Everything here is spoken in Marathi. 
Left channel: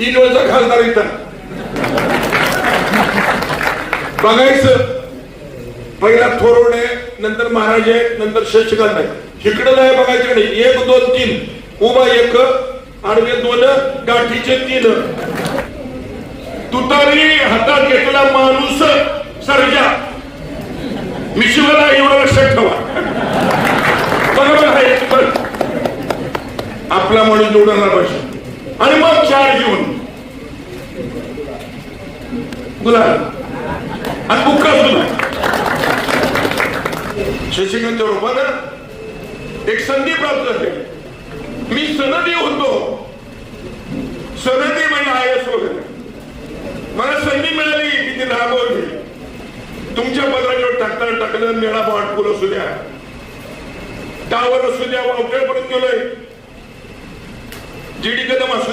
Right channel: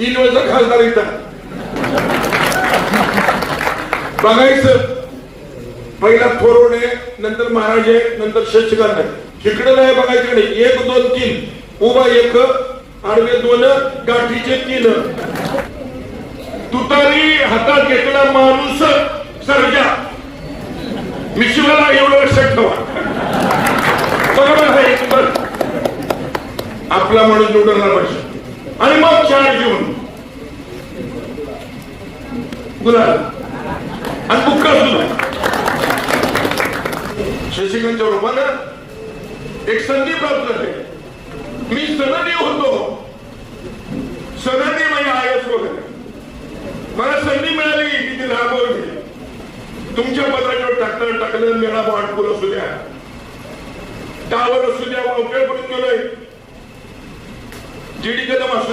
3 वर्ष खासदार इथं बघायचं. पहिला थोरवडे, नंतर महाराजे, नंतर शशिकांत. इकडे नाही बघायचं नाही. 1 2 3 उभा 1, आडवे 2, गाठीचे 3. तुतारी हातात घेतला माणूस सर्जा. मिशिवाला एवढं लक्षात ठेवा. बरोबर आहे. आपला माणूस निवडणार पाहिजे आणि मग 4 घेऊन गुलाब आणि बुक्का दिला. शशिकांत बरोबर एक संधी प्राप्त झाली. मी सनदी होतो. सनदी म्हणजे आयस वगैरे मला संधी मिळाली की ती राबवली. तुमच्या बदलावर टाकलं मेळा वाटपूर असू द्या, त्यावर असू द्या, वगैरे जीडी कदम असू